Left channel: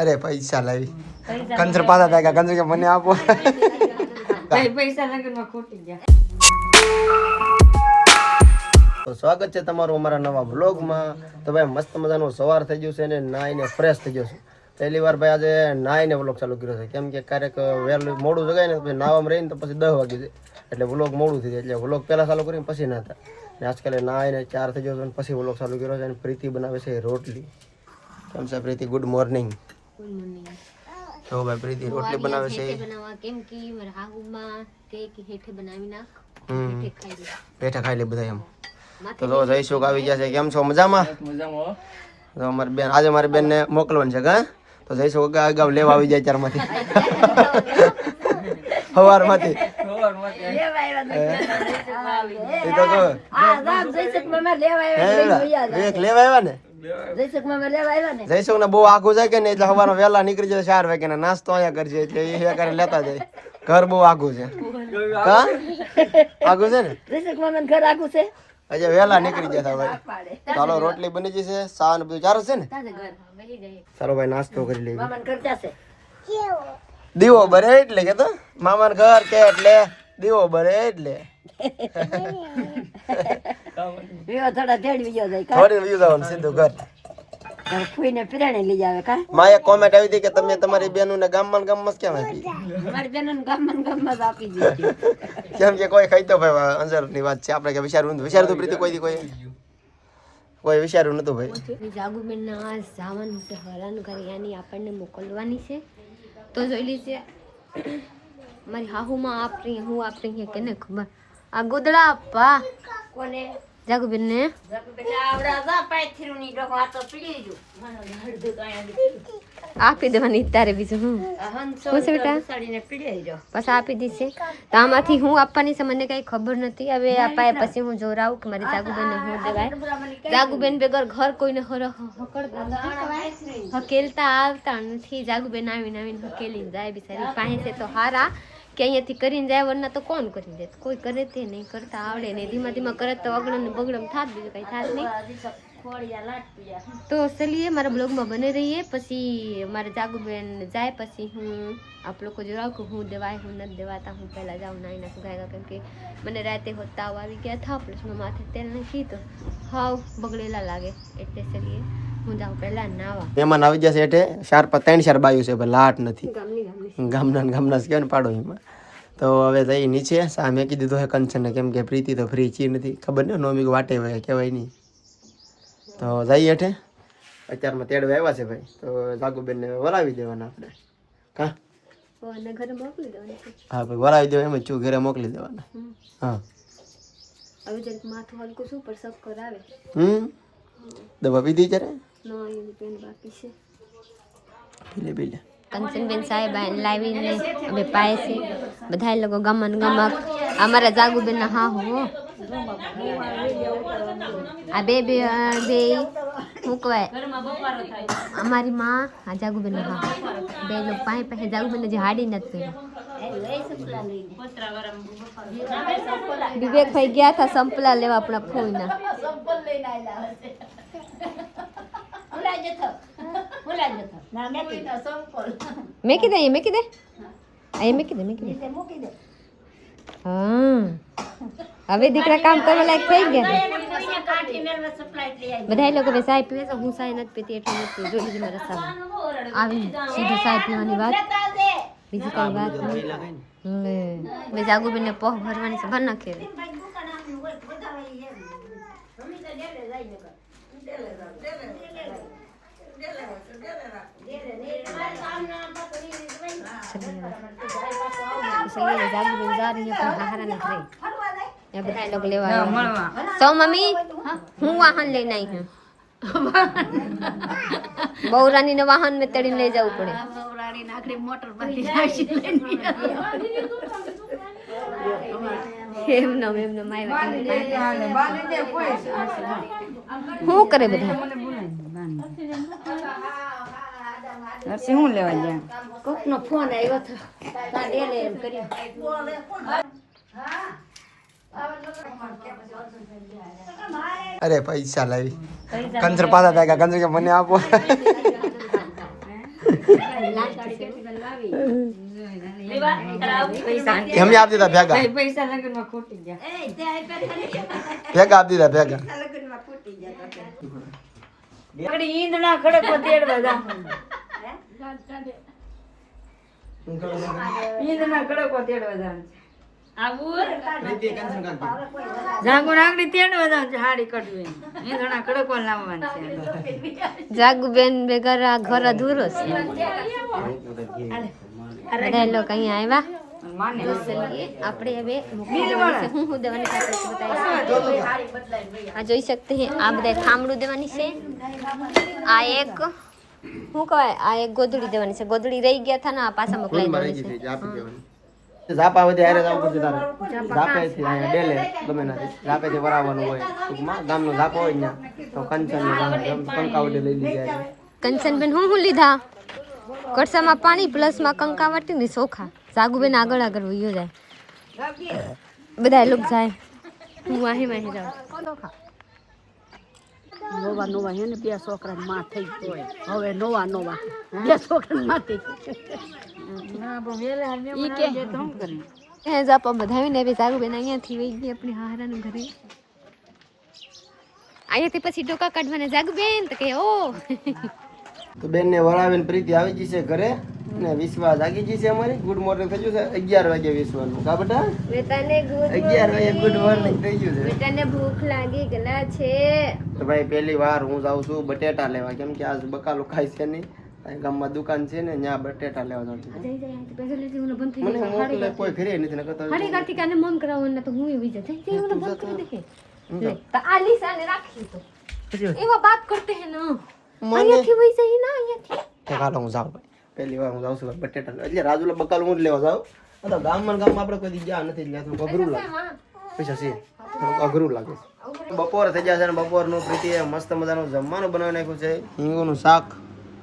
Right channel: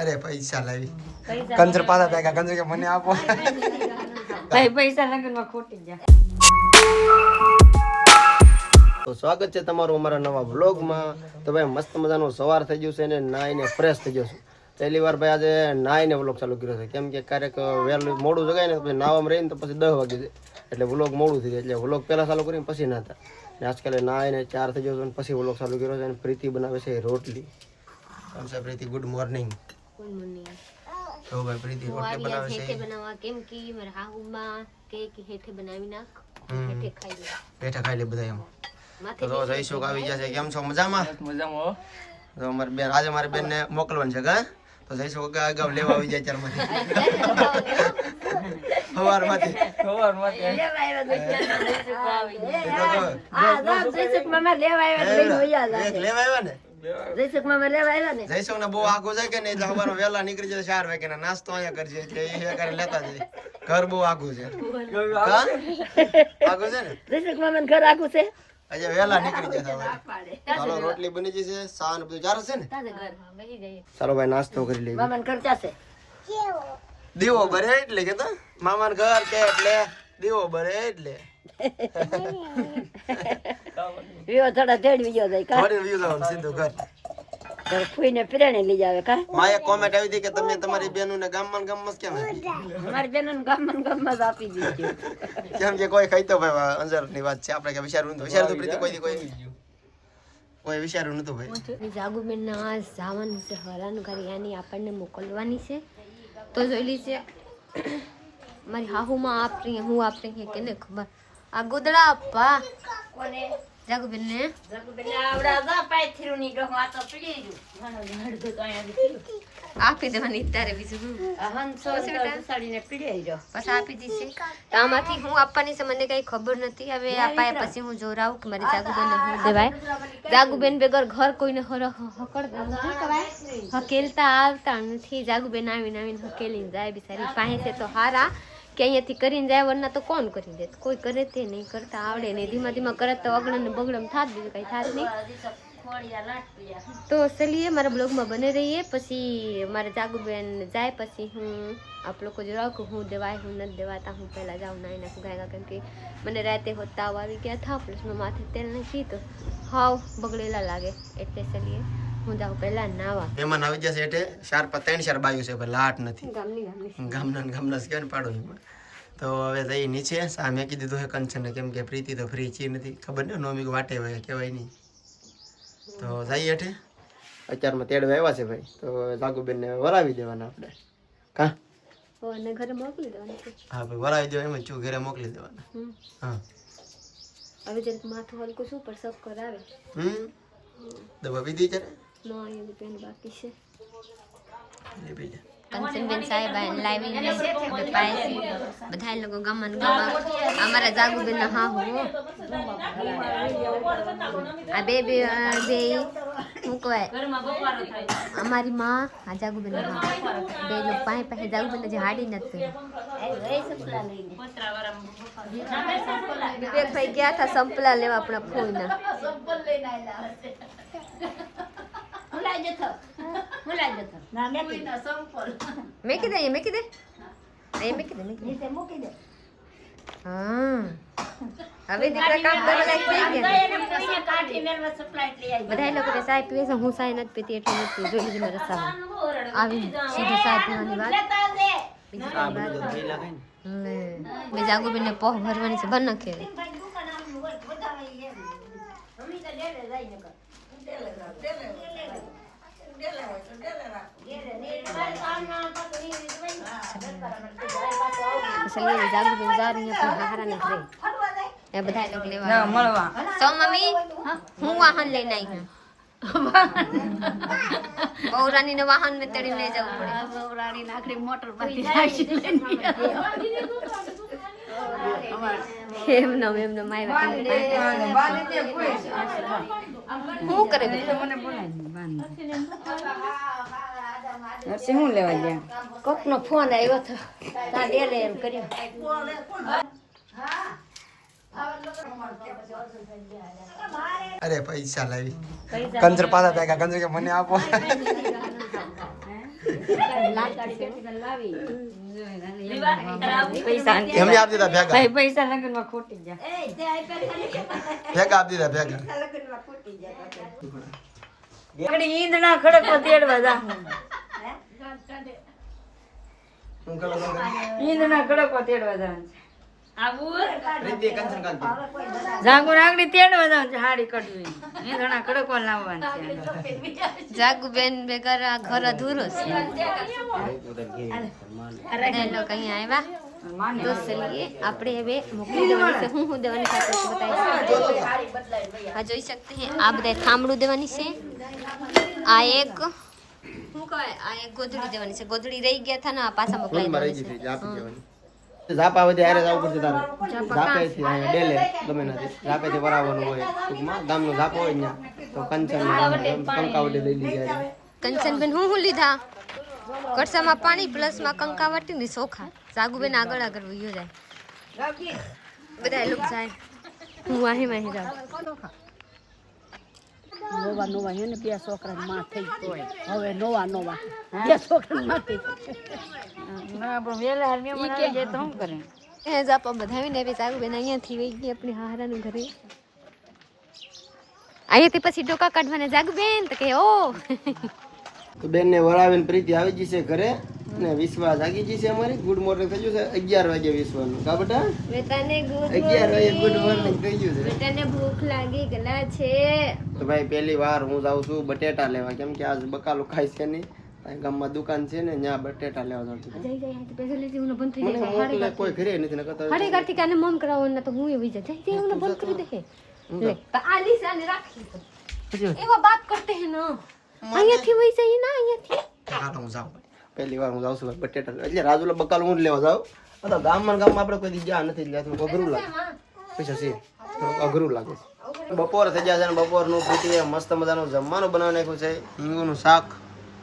અરે પૈસા લાવી કંજર પાછા થાય કંજર કે મને આપો પૈસા લગનમાં ખોટી ગયા. તો સ્વાગત છે તમારું અમારા નવા વ્લોગમાં. તો ભાઈ મસ્ત મજાનું સવાર થઈ ગયું છે ને નાઈને ફ્રેશ થઈ ગયો છું. પહેલી વાર ભાઈ આજે નાઈને વ્લોગ ચાલુ કર્યો છે, કેમ કે ક્યારેક વહેલું મોડું જગાય ને પછી નાવામાં રહીને તો પછી 10 વાગી જાય એટલે વ્લોગ મોડું થઈ જાય, એટલે વ્લોગ પહેલાં ચાલુ કરીને પછી ના થાય. ને આજકાલે નાઈને 4 થઈ ગયો છે પછી વ્લોગ ચાલુ કર્યો છે. અને પ્રીતિ બનાવે છે રોટલી. કેમ છે Preeti? Good morning. Good morning. તો ભાઈ પ્રીતિ રોટલી બનાવે છે. બનાવવા કેમ કે મારા હાહુમાં કે હેઠે બનાવી નાખ, હેઠે ખાઈ લે. બેઠા ખાઈ લે બધા એમ. તો જયસુખ આવી ગયા છે. કેમ છો? મજામાં? મજામાં. તો અમારી બેન આજે મારી બેન ને મોકલવાની છે કા? તો જયસુખ અગાઉ લેવા આવી જાય 4 માંથી સવારમાંથી લેવા આવ્યા ને જયસુખ ને બહુ આઘું જાય કે ને એટલે સવારમાં વહેલા નીકળી જાય 4 વાગે ને નાસ્તો અહીંયા કરજે એટલે એ કરે લેતા જાય. ઘર બહુ આઘું છે કા? આઘું છે ને જયસુખ મામાનું ઘર આઘું છે. આજે વહેલા નીકળી જતા ભાઈ. ચાલો રોટલી બની જશે, ચા ને બધું ચાલે છે ને. ચાલો ભાઈ નાસ્તો કરી લઈએ. મામાનું ઘર ક્યાં છે? દીવો બરે એટલે કે તો મામાનું ઘર કે એટલે દીવો બરે એટલે વિવો થોડા તેડી ગયો જાય કા? થોડી વ્યૂ જવાનું સીધું ઘર. ફૂઈને પ્રેરણે લઈ આવે કા? માએ કોમેન્ટ આવી હતી કે તમે તમારી બેનું ને ગામમાં ને ગામમાં જ કેમ આપી? અમારી બેનોને ગામમાં જ આપી દીધી. કેમ કે કોઈ ખાઈ તો ભાઈ અંજર ની વાત છે, આપણે કે વિચારવું તો પ્રીતિ કોઈ વિચાર્યું નતું ભાઈ. જાગુબેન ના જવાનું છે હરાનું ઘરે, યાની આપણને મોકલવાની છે. તો જોઈ લીજે મારી હાહુમાં આપણી હું આપણી કેને ખબર. આ ગોદડા આપા કોને? જાગુબેન ને. આપી દેવાની તારે બીજું હું પછી આપી દીશે. તો આમાંથી હું આપવાની છે મને કઈ ખબર નથી. હવે અપાય પછી હું જોરાવું કે મારી જાગુબેન ને હું દેવાય. જાગુબેન બેગર ઘર કોઈને હકેલતા આવતા નથી. જાગુબેન આવીને હકેલીને જાય બિચારી પાસે છે તો હારા કે અહીંયાથી કરીને જાય, વરના તો કોણ કરી દે? કોઈ કરે તે નહીં, કરતા આવડે નહીં. ધીમા ધીમા કરે તો અગડમ ને બગડમ થાત, બીજું કઈ થાત નહીં. તો ચલીએ મારા બ્લોગમાં બને રહીએ. પછી મારે જાગુબેન જાય પછી હું આપ લોકો જોડાવ કે હું દેવાય હું નથી દેવાતા. હું પહેલાં જાઉં નાઈ નાખું ગાયગા, કેમ કે મને રાતે હોત તાવ આવી ગયા થા, પ્લસ મેં માથે તેલ નથી તો હાવ બગડેલા લાગે. એટલે ચલીએ હું જાઉં પહેલાં નાવા. મહેમાન આવી જશે એટલે 4 બાયું છે ભાઈ, લાટ નથી. ગામની ગામના છે ને પાડો એમાં. તો હવે જઈ નીચે સા મેં કીધું તો હે કંચન ને, કેમ કે પ્રીતિ તો ફ્રી ચી નથી, ખબર ને નોમી વાટે હોય કહેવાય નહીં. તો જઈએ હેઠે અત્યારમાં તેડવા આવ્યા છે ભાઈ. તો જાગુબેન ને વરાવી દેવાના આપણે કા? ઘરે મોકલી દેવાની છે. હા ભાઈ વરાવી દેવા એમ જ છું, ઘરે મોકલી દેવાના. હા હવે જરીક માથું હલકું છું પણ ચક્કર આવે. દવા પીધી ત્યારે નો એ પેન બાકી છે. બીજા કંચનબેન સાહેબ લાવીને અમે પાય છે બધા લોકો ગમન ગમક. અમારા જાગુબેન ના હા હો આ બે શું કહેવાય અમારી માં આ જાગુબેન ના હા બે લોકો પાસે પાસે જાગુબેન જે હાડી નથી વિવેકભાઈ ગયા હતા સંપલા લેવા આપણા ફોઈના. મેકી દે મેકી દે મેકી દે. હા હવે દીકરા કામ કરવા લાયક થઈ ગયા. બધા લોકો ચાય પીવે છે, હું ચાય નથી પીતી એટલે નથી. જોઈ લીધી મારા રસ્તામાં આવી સીધું ચાય પીવાની વાત, બીજી કઈ વાત નહીં. મેં જાગુબેન ને પોહ ભરવાની છે, ભર નાખે. જાગુબેન જા રહી है अपने हारा ने घरे. ये બધા લોકો લેવા આવ્યા. તો મમ્મી હું વાહન લઈને આવી હું. બહુરાની ને વાહન ને તેડી લઈ જવું પડે. બહુરાની નાખડી મોટર બાકી નાખી લઈને એમનો આવ્યા કે હું કરે બધા મને બોલાવી શું લેવા જાય. કોકનો ફોન આવ્યો હતો તા દે લે એમ કર્યું. અરે પૈસા લાવી કંજર પાછા થાય કંજર કે મને આપો એમને આપી દીધા ભેગા પૈસા લગનમાં ખોટી ગયા ભેગા આપી દીધા ભેગા ઈંધણા ખડકવા તેડવા જા ઈંધણા ખડકવા તેડવા જા જાગુ નાગડી તેડવા જાવ હાડી કડવી ઈંધણા ખડકવા લાવવાની છે જાગુબેન બેગર આ ઘર અધૂરો છે બધા લોકો અહીંયા આવ્યા તો ચલીએ આપણે હવે મોકલી દેવાની છે હું દેવાની છે આપણે બતાવી આ જોઈ શકતે હે આ બધા થાંભળું દેવાની છે આ એક શું કહેવાય આ એક ગોદડી દેવાની છે ગોદડી રહી ગયા હતા ને આ પાછા મોકલાઈ દેવાની છે ઝાપા વધે હારે જવું પડશે તારે ઝાપેથી અહીંયા ડેલે ગમે નથી ઝાપેથી વરાવવાનું હોય ટૂંકમાં ગામનો ઝાપો હોય ત્યાં તો કંચન કંકાવટી લઈ લીધા કંચનબેન હું લીધા કળસામાં પાણી પ્લસમાં કંકાવટી ને ચોખા જાગુબેન આગળ આગળ વયો જાય બધા એ લોકો જાય હું વાહી વાહી જાઉં નોવા નોવા હે ને બે છોકરા માં થઈ ગયો હવે નોવા નોવા બે છોકરા માં થઈ ના પણ વેલા હાલ ઈ કે જે તો હું કરે એ જાપા બધાવીને હવે જાગુબેન અહીંયાથી વહી ગઈ આપણી હારાનું ઘરે અહીંયાથી પછી ડોકા કાઢવાના જાગુબેન તો કે ઓ તો બેન ને વરાવીને પ્રીતિ આવી ગઈ છે ઘરે ને વિશ્વા જાગી ગઈ છે અમારી ગુડ મોર્નિંગ થઈ ગયું છે 11 વાગે વિશ્વાનું કા બેટા બેટાને 11 વાગે ગુડ મોર્નિંગ થઈ ગયું છે બેટાને ભૂખ લાગી ગલા છે તો ભાઈ પહેલી વાર હું જાઉં છું બટેટા લેવા કેમ કે આજ બકાલો ખાય છે નહીં અહીં ગામમાં દુકાન છે ને ત્યાં બટેટા લેવા જાઉં છું જઈ જાય આ પૈસા લેજે હું બંધ થઈ મને મોકલે કોઈ ઘરે નથી નકર તો હાડી કાર્તિક આને મમ કરાવવાના તો હું એવી જાય જઈ હું બંધ કરી દે લે તો આ લીસાને રાખી તો એવા બાત કરતે હે ના અહીંયાથી વઈ જાય ના અહીંયાથી ચાલો હું જાઉં પહેલી વાર હું જાઉં છું બટેટા એટલે રાજુલા બકાલો હું જ લેવા જાઉં આ તો ગામમાં આપણે કોઈ દી ગયા નથી એટલે થોડું અઘરું લાગે પૈસા છે થોડુંક અઘરું લાગે છે બપોર થઈ ગયા છે ને બપોરનું પ્રીતિએ મસ્ત મજાનું જમવાનું બનાવી નાખ્યું છે રીંગણનું શાક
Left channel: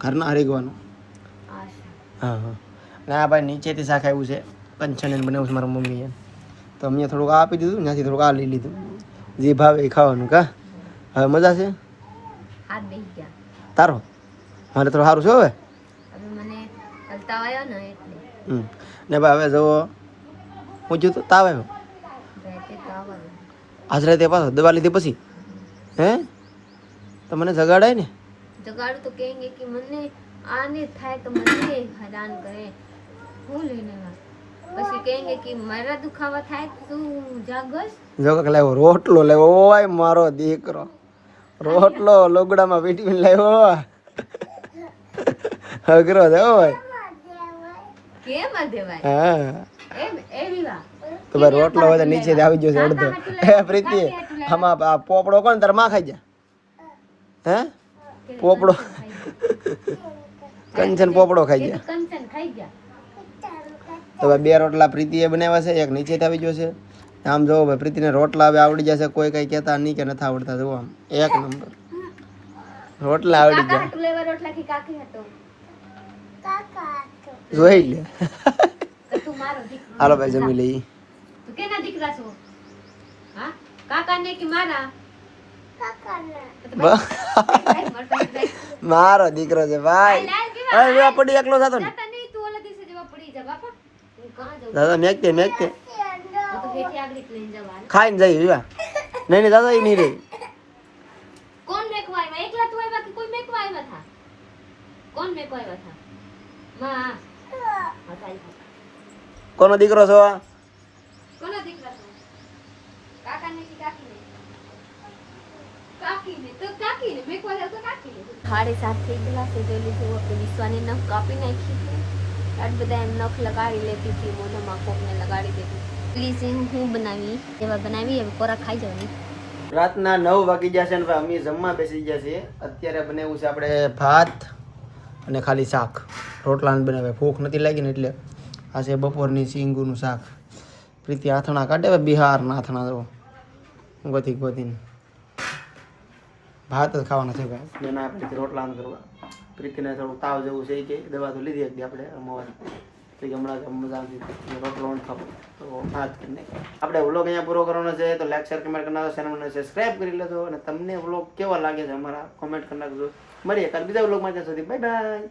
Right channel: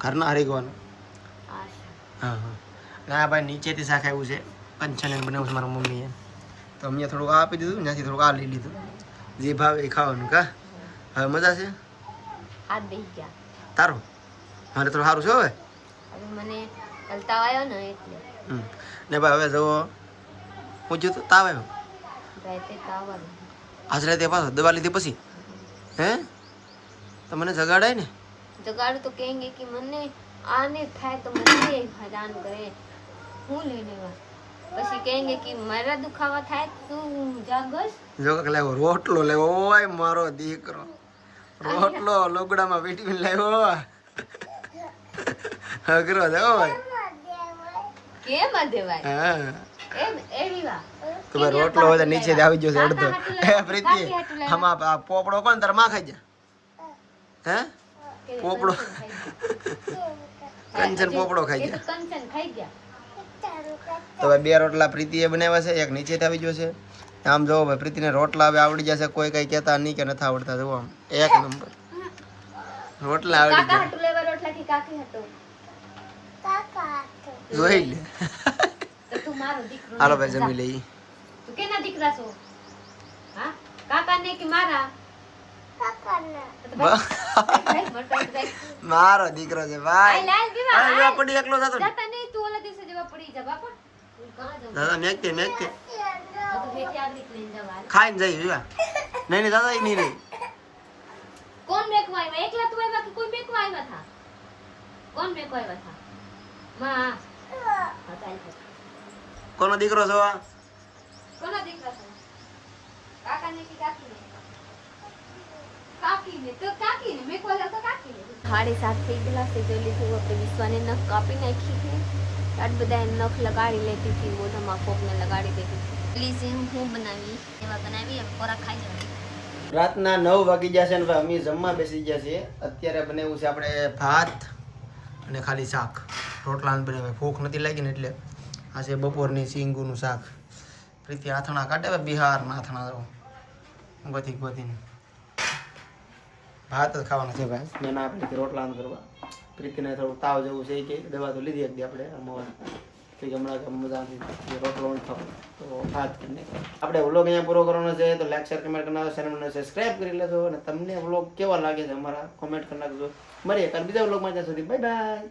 ઘરના હરીગવાનું હા હા ના ભાઈ નીચેથી શાક આવ્યું છે પંચને બનાવ્યું છે મારા મમ્મીએ તો મેં થોડુંક આ આપી દીધું ત્યાંથી થોડુંક આ લઈ લીધું જે ભાવે એ ખાવાનું કા હવે મજા છે હાથ બેહી ગયા તારો મારે થોડું સારું છે હવે હવે મને કલતા આવ્યો ને એટલે ને ભાઈ હવે જુઓ હું જોયું તો તાવ આવ્યો રાતે તાવ આવ્યો આજ રાતે પાછો દવા લીધી પછી હે તો મને જગાડાય ને જગાડું તો કહેંગે કે મને આ નહીં થાય તો મને હદાન કરે હું લઈને પછી કહેંગે કે મારા દુખાવા થાય તો તું જાગસ જો કે લાવ્યો રોટલો લાવ્યો ઓય મારો દીકરો રોટલો લોગડામાં વીટવીને લાવ્યો અઘરો છે ઓય કેમ આ દેવાય હા એમ એવી વાત તો ભાઈ રોટલો હોય તો નીચે આવી ગયો છે અડધો હે પ્રીતિ આમાં આ પોપડો કોણ તાર માં ખાઈ જા હે પોપડો કંચન પોપડો ખાઈ ગયા કંચન ખાઈ ગયા તો ભાઈ બે રોટલા પ્રીતિએ બનાવ્યા છે એક નીચેથી આવી ગયો છે આમ જોવો ભાઈ પ્રીતિને રોટલા હવે આવડી જશે કોઈ કઈ કહેતા નહીં કે નથી આવડતા જોવો આમ એક નંબર રોટલા આવડી ગયા કાકા લેવા રોટલા કે કાકી હતો જોઈ લે તો તું મારો દીકરો હાલો ભાઈ જમી લઈ તું કેના દીકરા છો હા કાકા ને કે મારા મારો દીકરો છે ભાઈ હવે જેવા પડી એકલો થતો ને જાતા નહીં તું ઓલા દિવસે જેવા પડી જા બાપા હું કહા દઉં દાદા મેક કે તો બેઠી આગળ લઈને જવા ખાઈને જઈ વિવા નહીં નહીં દાદા એ નહીં રહી કોણ મેકવા આવ્યા એકલા તું આવ્યા કે કોઈ મેકવા આવ્યા થા કોણ મેકવા આવ્યા થા માં હા ચાલ કોનો દીકરો છો કોના દીકરા છો કાકા ને કે કાકી ને કાકી ને તો કાકી ને મેકવા આવ્યા તો કાકી ને 7:30 થઈ ગયેલા છે જોઈ લીધું આપણે વિશ્વાને નખ કાપી નાખી છે આટ બધા એમ નખ લગાડી લેતી હતી મોઢામાં કોકને લગાડી દેતી પ્લીઝ હું બનાવી એવા બનાવી હવે કોરા ખાઈ જવાની રાતના 9 વાગી ગયા છે ને ભાઈ અમે જમવા બેસી ગયા છીએ અત્યારે બનાવ્યું છે આપણે ભાત અને ખાલી શાક રોટલા બનાવ્યા ભૂખ નથી લાગી ને એટલે આ છે બપોરની ચીંગુનું શાક પ્રીતિ આથણા કાઢે બિહારના આથણા જો ગોતી ગોતીને ભાત જ ખાવાના છે ભાઈ મેં ના આપણી રોટલા કરવા પ્રીતિને થોડું તાવ જેવું છે કે દવા તો લીધી હતી આપણે મોર તો કે હમણાં મજાથી રોટલો ન ખાવો તો ભાત કરીને આપણે વ્લોગ અહીંયા પૂરો કરવાનો છે તો લાઈક શેર કમેન્ટ કરી નાખો ચેનલને સબસ્ક્રાઈબ કરી લેજો અને તમને વ્લોગ કેવા લાગે છે અમારા કોમેન્ટ કરી નાખજો મળીએ કાલ બીજા વ્લોગમાં ત્યાં સુધી બાય બાય.